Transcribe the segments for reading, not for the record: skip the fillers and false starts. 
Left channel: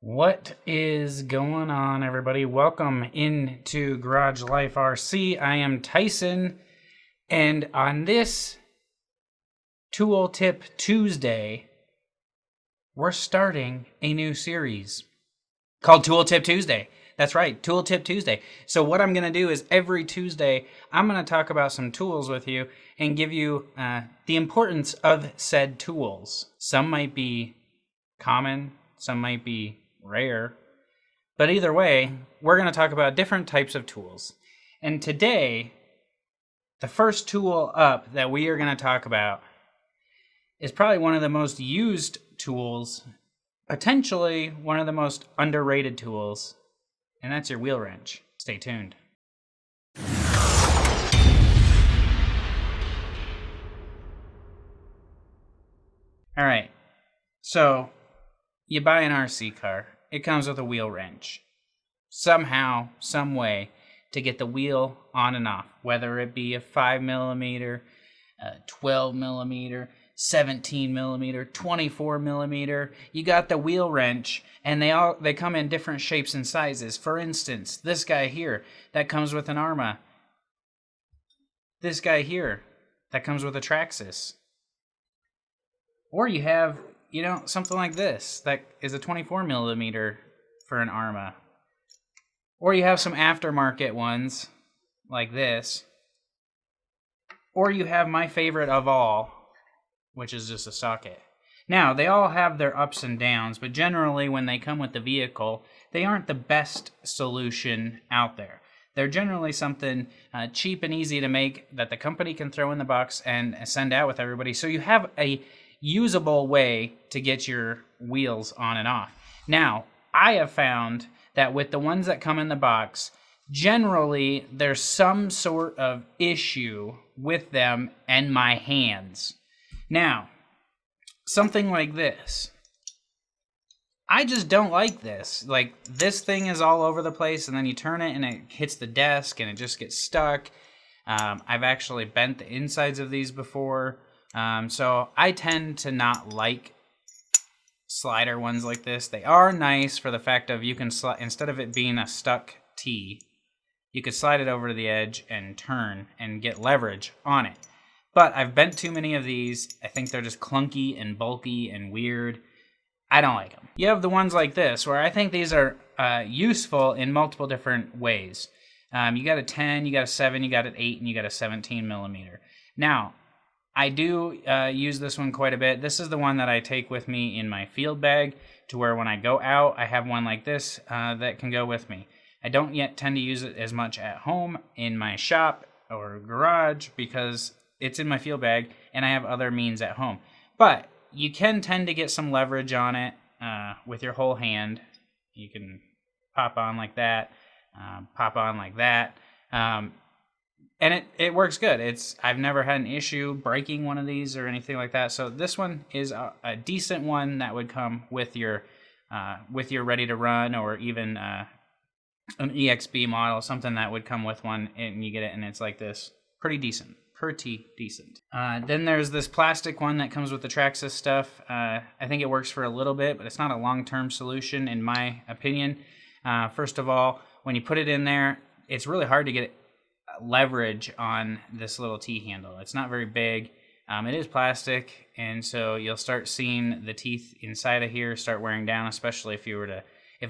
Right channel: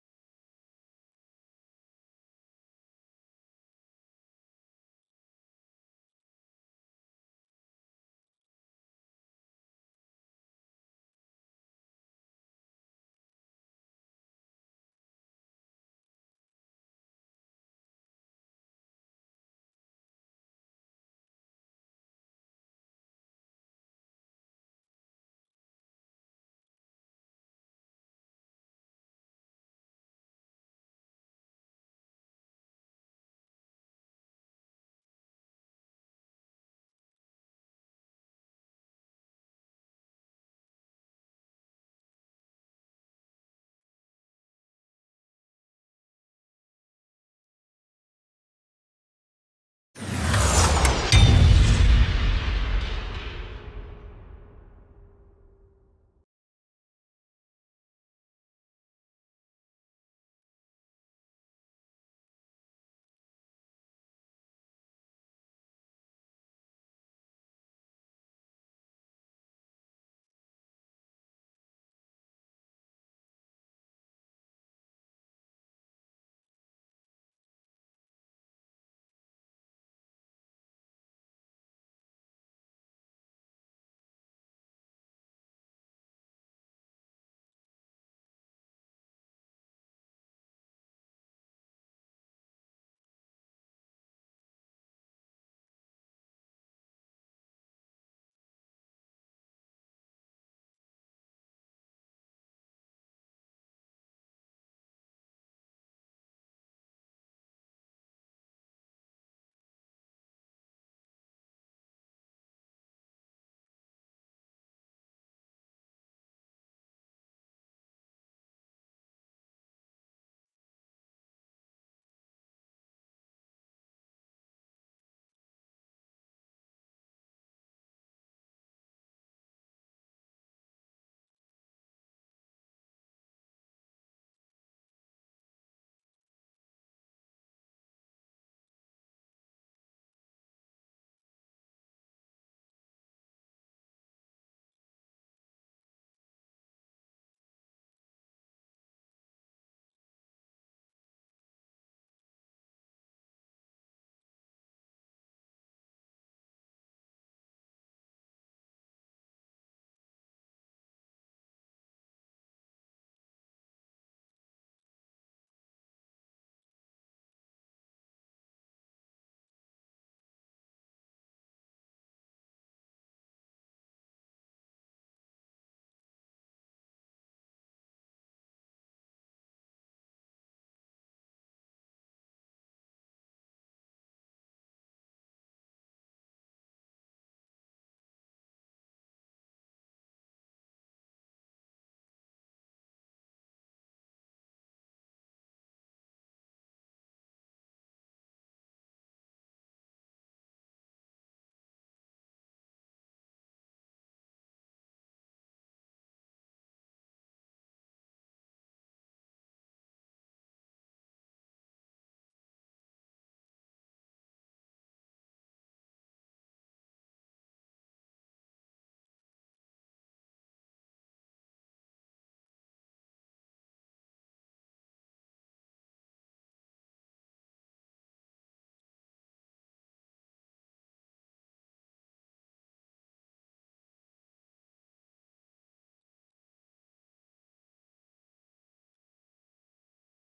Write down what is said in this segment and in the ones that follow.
What is going on, everybody? Welcome into Garage Life RC. I am Tyson, and on this Tool Tip Tuesday, we're starting a new series called Tool Tip Tuesday. That's right, Tool Tip Tuesday. So what I'm going to do is every Tuesday, I'm going to talk about some tools with you and give you the importance of said tools. Some might be common, some might be rare, but either way, we're going to talk about different types of tools. And today, the first tool up that we are going to talk about is probably one of the most used tools, potentially one of the most underrated tools, and that's your wheel wrench. Stay tuned. All right, so you buy an RC car. It comes with a wheel wrench. Somehow, some way to get the wheel on and off, whether it be a 5mm, a 12mm, 17mm, 24mm. You got the wheel wrench, and they come in different shapes and sizes. For instance, this guy here that comes with an Arma. This guy here that comes with a Traxxas. Or you have, something like this that is a 24mm for an Arma. Or you have some aftermarket ones like this. Or you have my favorite of all, which is just a socket. Now, they all have their ups and downs, but generally when they come with the vehicle, they aren't the best solution out there. They're generally something cheap and easy to make that the company can throw in the box and send out with everybody. So you have a usable way to get your wheels on and off. Now, I have found that with the ones that come in the box, generally there's some sort of issue with them and my hands. Now, something like this. I just don't like this. Like, this thing is all over the place, and then you turn it and it hits the desk and it just gets stuck. I've actually bent the insides of these before. So I tend to not like slider ones like this. They are nice for the fact of you can instead of it being a stuck T, you could slide it over to the edge and turn and get leverage on it. But I've bent too many of these. I think they're just clunky and bulky and weird. I don't like them. You have the ones like this where I think these are useful in multiple different ways. You got a 10, you got a 7, you got an 8, and you got a 17mm. Now, I do use this one quite a bit. This is the one that I take with me in my field bag to where when I go out, I have one like this that can go with me. I don't yet tend to use it as much at home in my shop or garage because it's in my field bag and I have other means at home. But you can tend to get some leverage on it with your whole hand. You can pop on like that, pop on like that. And it works good. I've never had an issue breaking one of these or anything like that. So this one is a decent one that would come with your ready to run, or even an EXB model, something that would come with one, and you get it, and it's like this, pretty decent. Then there's this plastic one that comes with the Traxxas stuff. I think it works for a little bit, but it's not a long-term solution in my opinion. First of all, when you put it in there, it's really hard to get leverage on this little T handle. It's not very big. It is plastic, and so you'll start seeing the teeth inside of here start wearing down, especially if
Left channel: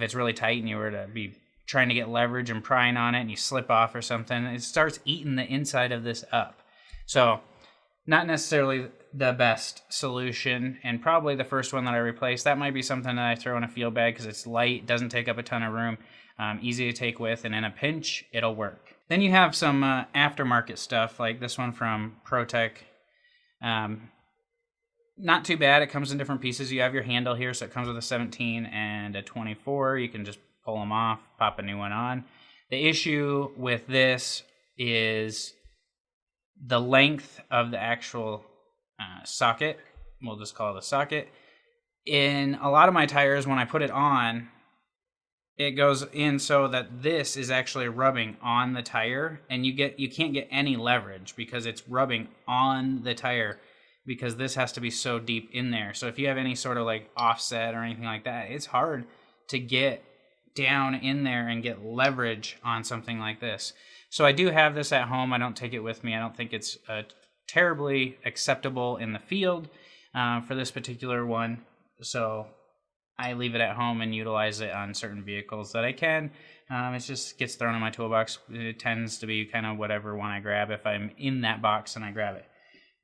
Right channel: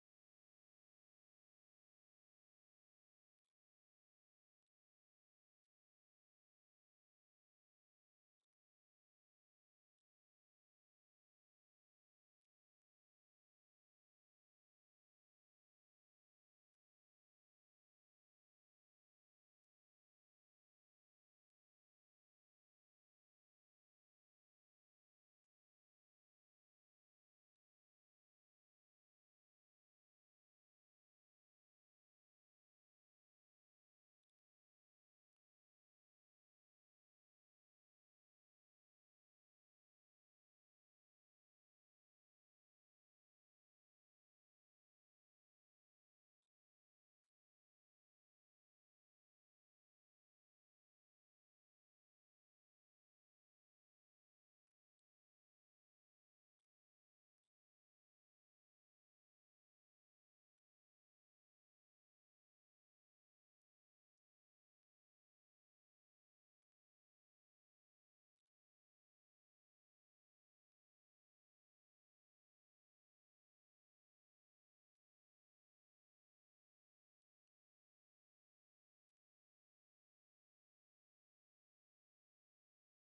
it's really tight and you were to be trying to get leverage and prying on it and you slip off or something. It starts eating the inside of this up. So not necessarily the best solution, and probably the first one that I replaced. That might be something that I throw in a field bag because it's light, doesn't take up a ton of room, easy to take with, and in a pinch, it'll work. Then you have some aftermarket stuff, like this one from ProTech. Not too bad. It comes in different pieces. You have your handle here, so it comes with a 17 and a 24. You can just pull them off, pop a new one on. The issue with this is the length of the actual socket. We'll just call it a socket. In a lot of my tires, when I put it on, it goes in so that this is actually rubbing on the tire, and you can't get any leverage because it's rubbing on the tire, because this has to be so deep in there. So if you have any sort of like offset or anything like that, it's hard to get down in there and get leverage on something like this. So I do have this at home. I don't take it with me. I don't think it's terribly acceptable in the field for this particular one. So I leave it at home and utilize it on certain vehicles that I can. It just gets thrown in my toolbox. It tends to be kind of whatever one I grab. If I'm in that box and I grab it.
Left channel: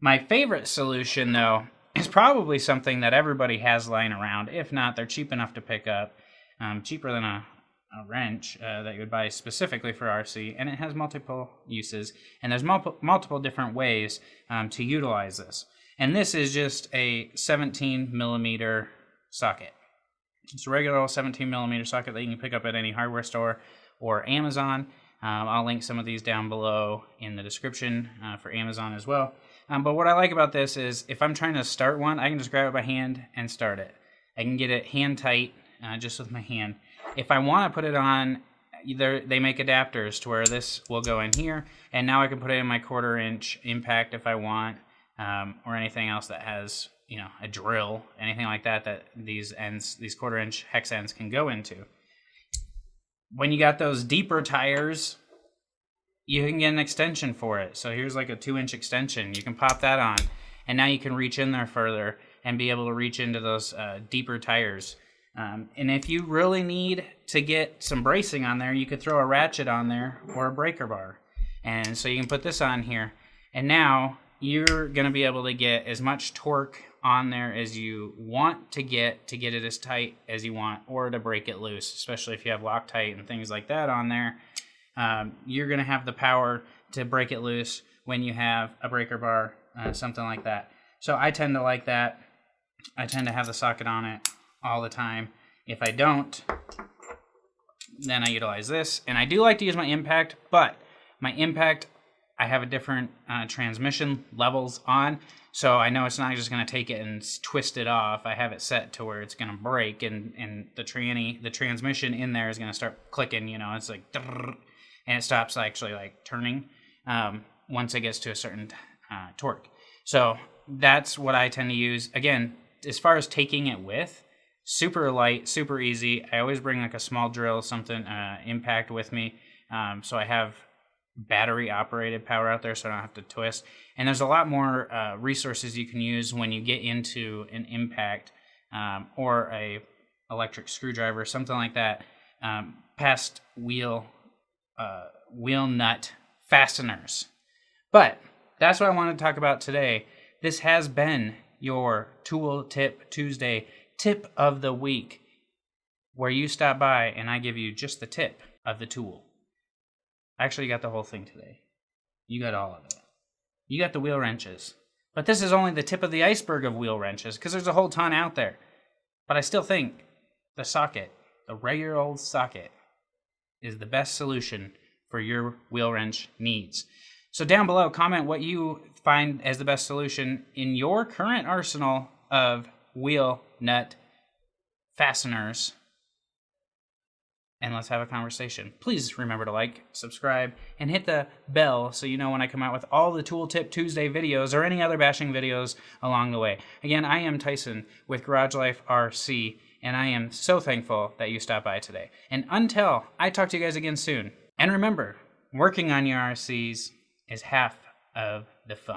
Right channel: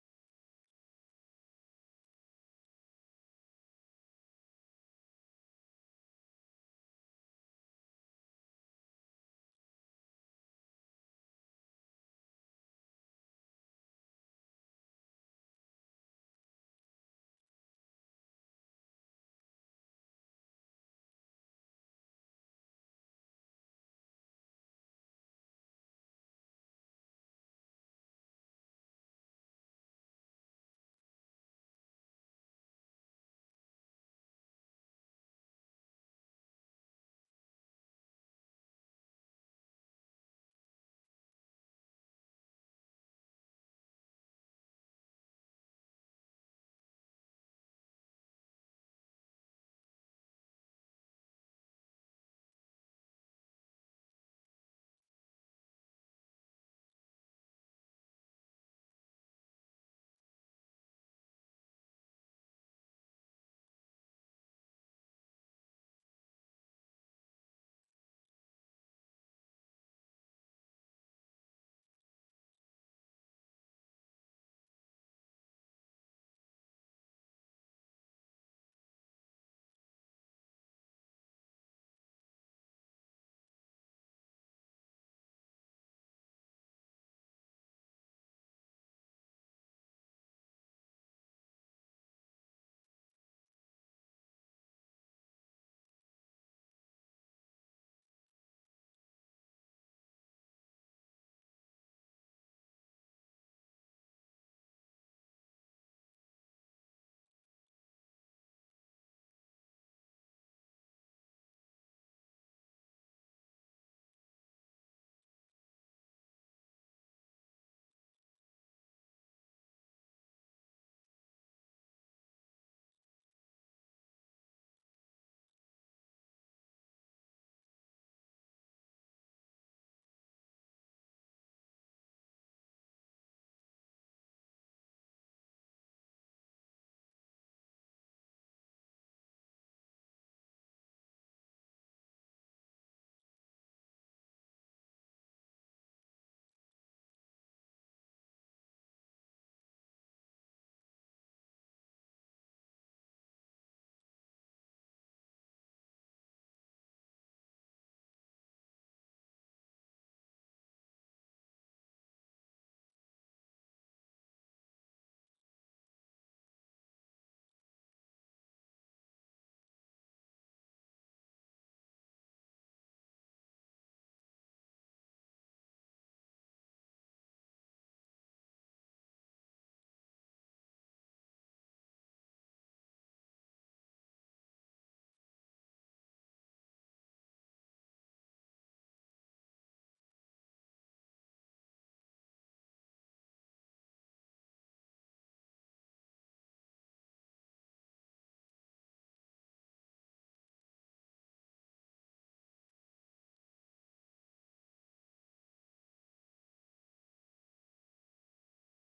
My favorite solution, though, is probably something that everybody has lying around. If not, they're cheap enough to pick up. Cheaper than a wrench that you would buy specifically for RC, and it has multiple uses, and there's multiple different ways to utilize this. And this is just a 17 millimeter socket. It's a regular old 17 millimeter socket that you can pick up at any hardware store or Amazon. I'll link some of these down below in the description for Amazon as well. But what I like about this is if I'm trying to start one, I can just grab it by hand and start it. I can get it hand tight just with my hand. If I want to put it on, they make adapters to where this will go in here, and now I can put it in my 1/4 inch impact if I want, or anything else that has, a drill, anything like that these 1/4 inch hex ends can go into. When you got those deeper tires, you can get an extension for it. So here's like a 2-inch extension. You can pop that on, and now you can reach in there further and be able to reach into those deeper tires. And if you really need to get some bracing on there, you could throw a ratchet on there or a breaker bar. And so you can put this on here. And now you're going to be able to get as much torque on there as you want to get it as tight as you want, or to break it loose, especially if you have Loctite and things like that on there. You're going to have the power to break it loose when you have a breaker bar, something like that. So I tend to like that. I tend to have the socket on it all the time. If I don't, then I utilize this. And I do like to use my impact, but my impact, I have a different transmission levels on. So I know it's not just going to take it and twist it off. I have it set to where it's going to break, and the transmission in there is going to start clicking, it's like, and it stops actually like turning once it gets to a certain torque. So that's what I tend to use. Again, as far as taking it with, super light, super easy. I always bring like a small drill, something, impact with me. So I have battery operated power out there so I don't have to twist. And there's a lot more resources you can use when you get into an impact or a electric screwdriver, something like that, past wheel nut fasteners. But that's what I wanted to talk about today. This has been your Tool Tip Tuesday tip of the week, where you stop by and I give you just the tip of the tool. Actually, you got the whole thing today. You got all of it. You got the wheel wrenches. But this is only the tip of the iceberg of wheel wrenches, because there's a whole ton out there. But I still think the socket, the regular old socket, is the best solution for your wheel wrench needs. So down below, comment what you find as the best solution in your current arsenal of wheel nut fasteners, and let's have a conversation. Please remember to like, subscribe, and hit the bell so you know when I come out with all the Tool Tip Tuesday videos or any other bashing videos along the way. Again, I am Tyson with Garage Life RC, and I am so thankful that you stopped by today. And until I talk to you guys again soon, and remember, working on your RCs is half of the fun.